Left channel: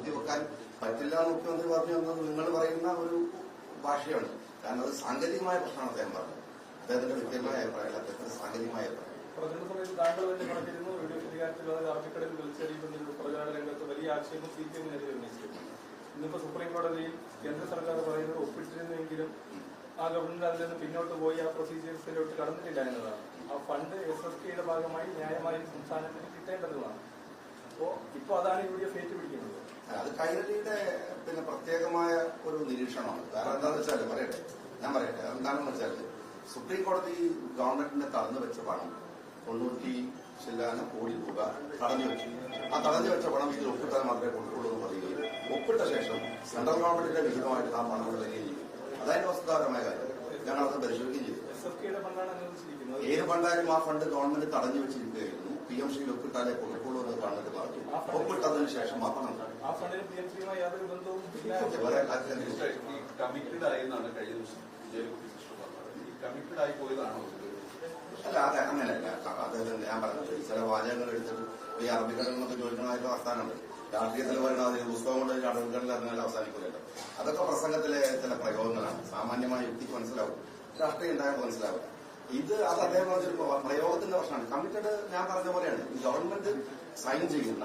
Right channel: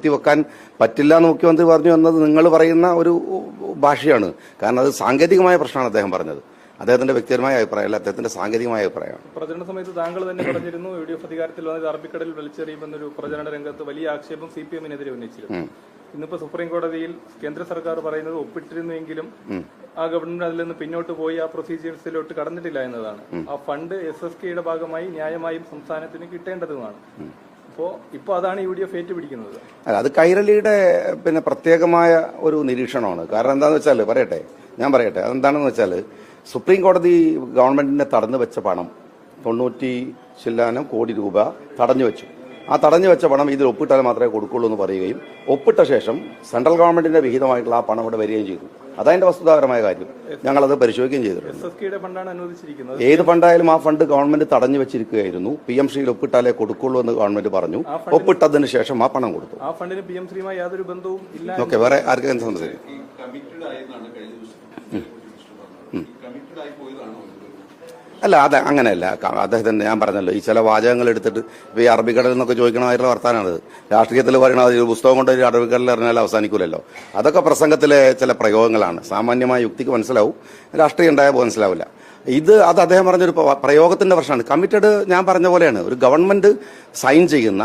നിർത്തിവെക്കാൻ പറ്റില്ല എന്ന് മുഖ്യമന്ത്രി പറഞ്ഞു എന്നത് നിങ്ങൾ പറയുന്ന ഒരു ഭാഷയാണ്. കാരണം അത് സാങ്കേതികമായ പ്രശ്നമാണ് അദ്ദേഹം പറഞ്ഞത്. അദ്ദേഹത്തിന്റെ വ്യക്തിപരമായ അഭിപ്രായമല്ല, അദ്ദേഹത്തിന്റെ സാങ്കേതികമായ അഭിപ്രായമാണ്. പ്രചരണ സമയത്ത് താങ്കൾ തന്നെ പറഞ്ഞിരുന്നു UDF അധികാരത്തിൽ വന്നത് അറബിക്കടലിൽ വലിച്ചെറിയുമെന്നൊരു പ്രചരണ രംഗത്ത് വലിയ ആക്ഷേപം CPM-നെതിരെ ഉന്നയിച്ചിരുന്നു. ഇന്നിപ്പോ സുപ്രീം കോടതിയിൽ കേന്ദ്ര സർക്കാർ പറയുന്നത് ഒപ്പിട്ടിരുന്നെങ്കിലും ആ ഗവൺമെന്റ് അതിൽ നിന്ന് പിന്നോട്ട് പോയി ആ പ്രൊസീജിയേഴ്സിലോട്ട് കടന്നിട്ടില്ല എന്നതാണ്. ആ ഫണ്ട് SSKയുടെ ഭാഗമായി ന്യായമായും സംസ്ഥാനത്തിന് കിട്ടേണ്ടതുമാണ്. ഇപ്പോ അതാണ് UDF ഏറ്റുപിടിക്കുന്നത്. അത് കൈരളിയുടെ പ്രത്യേകമായ ഒരു നിരീക്ഷണമാണ്. കാരണം എന്താണെന്ന് വെച്ചാൽ ഞാൻ പറയട്ടെ അതെന്താണെന്ന് വെച്ചാൽ സുപ്രീം കോടതി ഗവൺമെന്റിനെ തടഞ്ഞു വെച്ച പണം 90 ചില്ലാനം കോടി രൂപ തടഞ്ഞു വെച്ചു. ആ തടഞ്ഞു വെച്ച പണം ഇതിൽ ഒപ്പിട്ടാൽ മാത്രമേ കൊടുക്കുള്ളൂ എന്ന് പറയുകയും ഒപ്പിട്ട ശേഷം സെൻട്രൽ ഗവൺമെന്റിന്റെ വിഹിതമായിട്ടുള്ള ആ പണം ഇവിടെ വരികയും ചെയ്തു. അതതിന്റെ വസ്തുതാപരമായ കാര്യം. ഞങ്ങളത് പരിശോധിക്കുകയും ചെയ്തിട്ടുണ്ട്. ഏത് ഫണ്ടായാലും ആ ഫണ്ട് ഗവൺമെന്റ് തടഞ്ഞു വെച്ചിരിക്കുകയായിരുന്നു. PMCയിൽ ഒപ്പിട്ടാലേ കൊടുക്കുള്ളൂ എന്ന് ഗവൺമെന്റ് പറഞ്ഞു. ഒപ്പിട്ടതിന് ശേഷം ആ പണം കൊടുത്തു. ഓക്കെ, വേറെ ആർക്കെങ്കിലും സംബന്ധിച്ചു അല്ല, അത് അങ്ങനെയല്ല. അദ്ദേഹത്തിന്റെ ഞാൻ പറഞ്ഞല്ലോ, ഈ ചില വാചകങ്ങൾ എടുത്തിട്ട് ഇപ്പൊ ഈ അറബിക്കടലിൽ നിന്നൊക്കെ ചോദിക്കണമായിട്ടുള്ള വർത്താനാണത്. രാഷ്ട്രീയത്തിൽ പറയണത് ഒരു പുസ്തകം കൊണ്ട് ഒരു അറബിക്കടലിൽ അറിഞ്ഞാൽ അവസാനിക്കൂലല്ലോ. അതൊക്കെ പ്രസംഗത്തിലെ ചില പ്രയോഗങ്ങളാണ്. സാമാന്യമായ യുക്തിക്ക് മനസ്സിലാവും, രാഷ്ട്രീയം ഉണ്ടായപ്പോൾ മനസ്സിലാവില്ല. അത് അദ്ദേഹം പറഞ്ഞൊരു പ്രയോഗത്തിന്റെ പ്രശ്നമാണ്. കമ്മിറ്റഡ് ഞാൻ പറഞ്ഞ പോലെയാണ്. ഒരു ഗവൺമെന്റ് അസൈൻ ചെയ്യുന്ന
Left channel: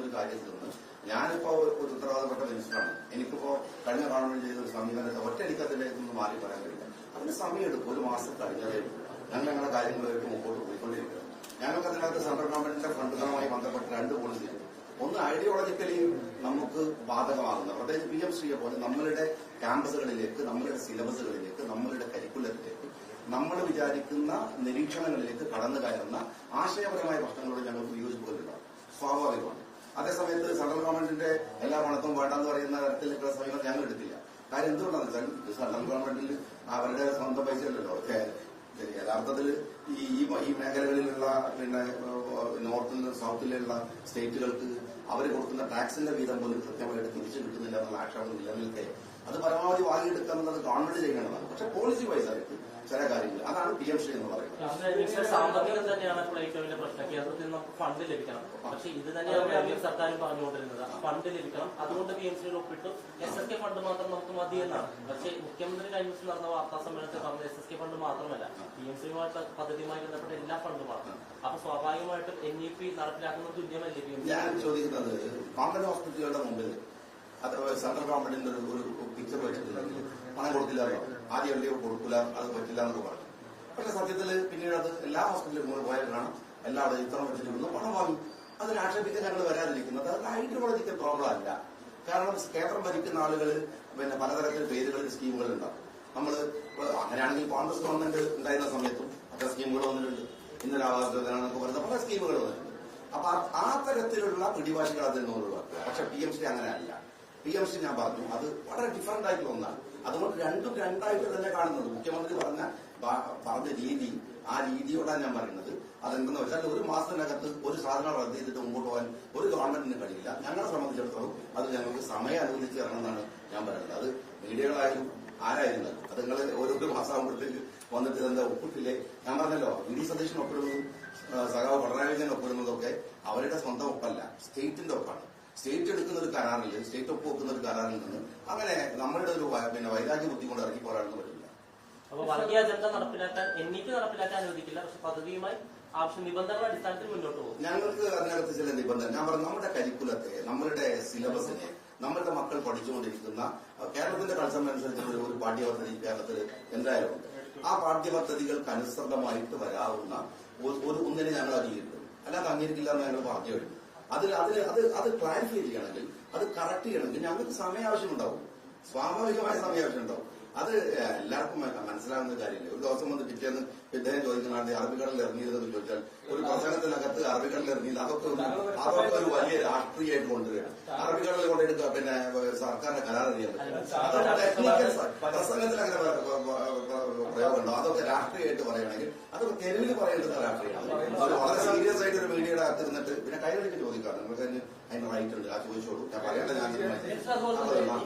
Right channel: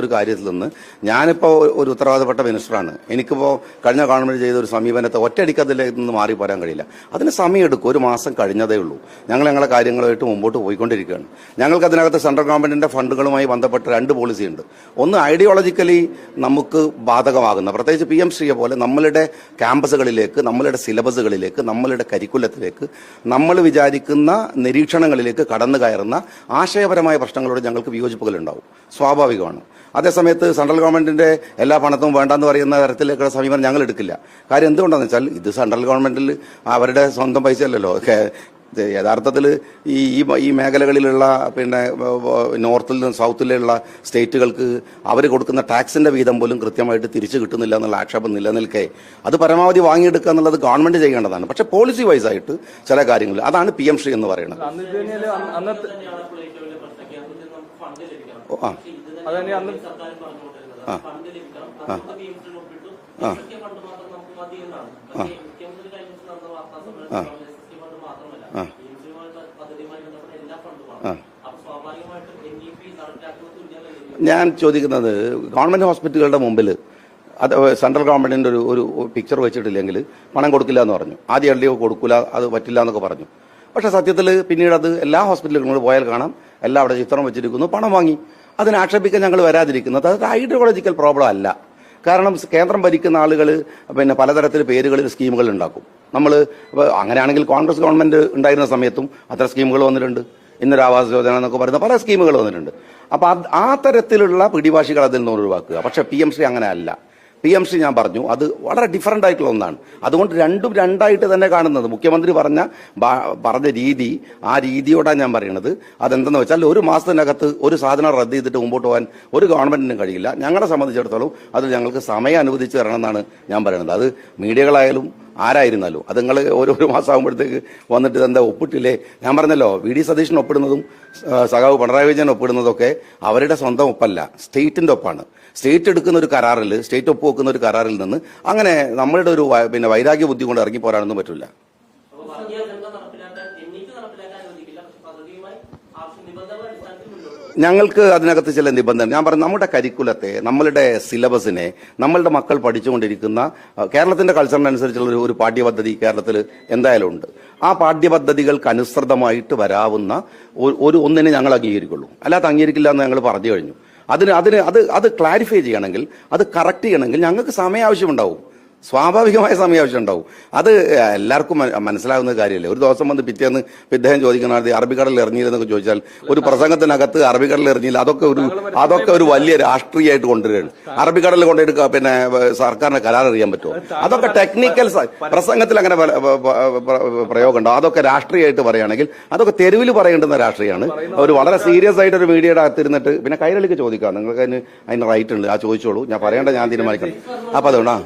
ഒരു കാര്യത്തിൽ നിന്ന് ഞാനിപ്പോൾ ഒരു ഉത്തരവാദപ്പെട്ട മിനിസ്റ്ററാണ്. എനിക്കിപ്പോൾ കഴിഞ്ഞ ഗവൺമെന്റ് ചെയ്ത ഒരു സമീപനത്തെ ഒറ്റയടിക്ക് അതിൽ നിന്ന് മാറി പോരാൻ കഴിയില്ല. അതിന് സമയമെടുക്കും. 1 മാസം കഴിഞ്ഞതേ ഉള്ളൂ. ഞങ്ങളെ കാര്യങ്ങളുമായിട്ട് മുമ്പോട്ട് പോയിക്കൊണ്ടിരിക്കുകയാണ്. ഞങ്ങൾക്ക് അതിനകത്ത് സെൻട്രൽ ഗവൺമെന്റിന്റെ ഫണ്ടുകളുമായി ബന്ധപ്പെട്ട് 2 പോളിസി ഉണ്ട്. ഒന്ന് ഐഡിയോളജിക്കലി നമുക്ക് ബാധകമാകുന്ന, പ്രത്യേകിച്ച് PMCയെ പോലെ നമ്മളുടെ ക്യാമ്പസുകളിലേക്ക്, നമ്മളുടെ സിലബസുകളിലേക്ക്, നമ്മളുടെ കരിക്കുലത്തിലേക്ക്, നമ്മൾ വിചാരിക്കുന്ന നിരീക്ഷണങ്ങളിലേക്ക് കടന്നു കയറുന്ന ആശയപരമായ പ്രശ്നങ്ങളോട് ഞങ്ങൾക്ക് വിയോജിപ്പുകളുണ്ടാവും, സ്വാഭാവികമാണ്. അതേസമയത്ത് സെൻട്രൽ ഗവൺമെന്റിന്റെ എല്ലാ പണത്തും വേണ്ടെന്ന് പറയുന്ന തരത്തിലേക്കുള്ള സമീപനം ഞങ്ങൾ എടുക്കില്ല. കാര്യം എന്തുകൊണ്ടാണെന്ന് വെച്ചാൽ ഇത് സെൻട്രൽ ഗവൺമെന്റിൽ അവരുടെ സ്വന്തം പൈസ അല്ലല്ലോ. യഥാർത്ഥത്തിൽ ഈ മേഖലകളിലുള്ള നോർത്തിൽ നിന്ന് സൗത്തിലുള്ള സ്റ്റേറ്റുകൾക്ക് അവർ കൊടുക്കുന്ന ടാക്സിന്റെ വീതം പോലും കൃത്യമായിട്ട് തിരിച്ചു കിട്ടുന്നില്ല എന്നുള്ള ആക്ഷേപം നിലനിൽക്കെ അത് പരമാവധി വാങ്ങിയെടുക്കുക എന്നുള്ളത് ഗവൺമെന്റ് ചെയ്യേണ്ടതാണ്. പക്ഷെ പോളിസി വൈസ് ആയിട്ട് ചില കാര്യങ്ങൾ അതാണ് PMC എന്ന് പറയുന്നത്. ഞാൻ ചോദിക്കുന്നത്, ഗവൺമെന്റ് ഹോസ്പിറ്റലുകളുടെ മുമ്പിൽ അത് സെൻട്രൽ ഗവൺമെന്റിന്റെ ഒരു പിക്ചർ വെച്ചിട്ടില്ലെങ്കിൽ പണം കൊടുക്കില്ല എന്ന് പറഞ്ഞു. ആദ്യം LDO കൊടുക്കില്ല, അത് പറ്റില്ല എന്നൊക്കെ പറഞ്ഞു. പക്ഷെ സത്യത്തിൽ പിന്നീട് അത് എല്ലാ ഹോസ്പിറ്റലുകളും പോയാൽ കാണാം, എല്ലാം അവിടെ ചിത്രം വെച്ചിരിക്കുന്നു, പണം വാങ്ങി. അതിന് ആക്ഷേപിക്കാൻ ഞങ്ങൾ വരാതിരിക്കുന്നത് അത് ഐഡിയോളജിക്കൽ പ്രോബ്ലം അല്ല. കാരണം കേന്ദ്രം ഭരിക്കുന്ന ആളുകൾ പലതരത്തിൽ പേരുകളിൽ സ്കീമുകൾ ഉണ്ടാക്കും. നമ്മൾ അങ്ങനെയാണെങ്കിൽ കോൺഗ്രസ് ഗവൺമെന്റ് ഉണ്ടായിരുന്ന സമയത്തും അത്ര സ്കീമുകൾ വന്നിട്ടുണ്ട്. ഇന്നൊരു ആവാസ് യോജന എന്നൊക്കെ പറയുന്ന പല സ്കീമുകൾ വന്നിട്ടുണ്ട്. അപ്പൊ ആ തരത്തിലുള്ള പിടിവാശികൾ അതിൽ നിന്ന് ഒഴിവാക്കുക. പക്ഷെ PMC അങ്ങനെ അല്ല. PMC ഞാൻ പറഞ്ഞു അത് വളരെ ഡിഫറൻ്റ് ആയിട്ടുള്ള ഒന്നാണ്. അതുകൊണ്ട് രണ്ടും രണ്ടായിട്ട് തന്നെ കാണുന്നത്. മുഖ്യമന്ത്രി പറഞ്ഞ രീതി, ആ രീതിയോടാണ് ഞാൻ പറയുന്നത്. അതെന്തെന്ന് വെച്ചാൽ 1 മാസത്തിനകത്ത് ഒരു സാധനം റദ്ദ് ചെയ്തിട്ട് മുമ്പോട്ട് പോകാൻ ഒരു ഗവൺമെന്റിനും കഴിയില്ല. ഞങ്ങളെ സംബന്ധിച്ചിടത്തോളം അത് ഞങ്ങൾക്ക് സമയം അനുവദിച്ച് തരണമെന്നാണ് ഞാൻ പറയുന്നത്. അത് മീഡിയകളായാലും ആരായിരുന്നാലും അത് നിങ്ങൾ ഓരോ മാസം ആകുമ്പോഴത്തേക്ക് വന്നിട്ട് ഇതെന്താ ഒപ്പിട്ടില്ലേ? ഞാൻ പറഞ്ഞല്ലോ, VD സതീശൻ ഒപ്പിടുന്നതും സഖാവ് പിണറായി വിജയൻ ഒപ്പിടുന്നതൊക്കെ അവരുടെ സ്വന്തം ഒപ്പല്ല, സ്റ്റേറ്റിന്റെ ഒപ്പാണ്. സ്റ്റേറ്റ് എടുക്കുന്ന ഒരു കരാറിൽ, സ്റ്റേറ്റ് ഒപ്പുവെക്കുന്ന ഒരു കരാറിൽ നിന്ന് അങ്ങനെ നമ്മളുടെ ഒരു വൈരാഗ്യ ബുദ്ധി കൊണ്ട് ഇറങ്ങി പോരാനൊന്നും പറ്റില്ല. ഞങ്ങൾക്ക് അതിനകത്ത് ചില നിബന്ധന ഞാൻ പറഞ്ഞു. നമ്മുടെ കരിക്കുലത്തെ, നമ്മളുടെ സിലബസിനെ, നമ്മളുടെ മക്കൾ പഠിച്ചുകൊണ്ടിരിക്കുന്ന കേരളത്തിന്റെ കൾച്ചറിനനുസരിച്ചുള്ള ഒരു പാഠ്യപദ്ധതി കേരളത്തിൽ എന്തായാലും ഉണ്ട്. ആ പാഠ്യപദ്ധതികൾക്ക് അനുസൃതമായിട്ട് വരാവുന്ന ഒന്നിനെ ഞങ്ങൾ അംഗീകരിക്കുള്ളൂ. അല്ലാതെ അംഗീകരിക്കില്ല എന്ന് ഞങ്ങൾ പറഞ്ഞു കഴിഞ്ഞു. അത് ക്ലാരിഫൈ ചെയ്യണമെങ്കിൽ, അത് കറക്റ്റ് ചെയ്യണമെങ്കിൽ ഞങ്ങൾക്ക് സമയം ആവശ്യമുണ്ടാവും, സ്വാഭാവികമായ സമയം ആവശ്യം ഉണ്ടാവും. അത് എല്ലാവർക്കും മനസ്സിലാകുന്ന കാര്യമല്ലേ. ഒരു ദിവസം വന്ന് പിറ്റേന്ന് ഇദ്ദേഹം ചോദിക്കുന്ന അറബിക്കടലിൽ ഇറങ്ങിയില്ലെന്നൊക്കെ ചോദിച്ചാൽ ഒരു പ്രസംഗത്തിനകത്ത് അറബിക്കടലിൽ ഇറങ്ങിയില്ല, അതൊക്കെ ഒരു വലിയ രാഷ്ട്രീയമായിട്ട് കൊണ്ടുവരികയാണ്. അറബിക്കടലിൽ കൊണ്ടുപോയിട്ട് സർക്കാരിന് കരാർ അറിയാൻ പറ്റുമോ? അതൊക്കെ ടെക്നിക്കൽ പ്രസംഗത്തിൽ അങ്ങനെ പ്രയോഗമുണ്ടോ? അതൊക്കെ രാഷ്ട്രീയമായിട്ട് പറയുകയാണെങ്കിൽ അതൊക്കെ തെരുവിൽ പറയേണ്ടുന്ന രാഷ്ട്രീയമാണ്. ഒരു വളരെ സീരിയസ് ആയിട്ട് ഒരു മീഡിയയുടെ അകത്തിരുന്നിട്ട് പിന്നെ കൈരളിക്ക് ചോദിക്കാം, നിങ്ങൾക്ക് അതിന് റൈറ്റ് ഉണ്ട്, ആ ചോദിച്ചോളൂ, ഞാൻ പറയേണ്ട ഞാൻ തീരുമാനിക്കണം. അപ്പൊ അതുകൊണ്ടാ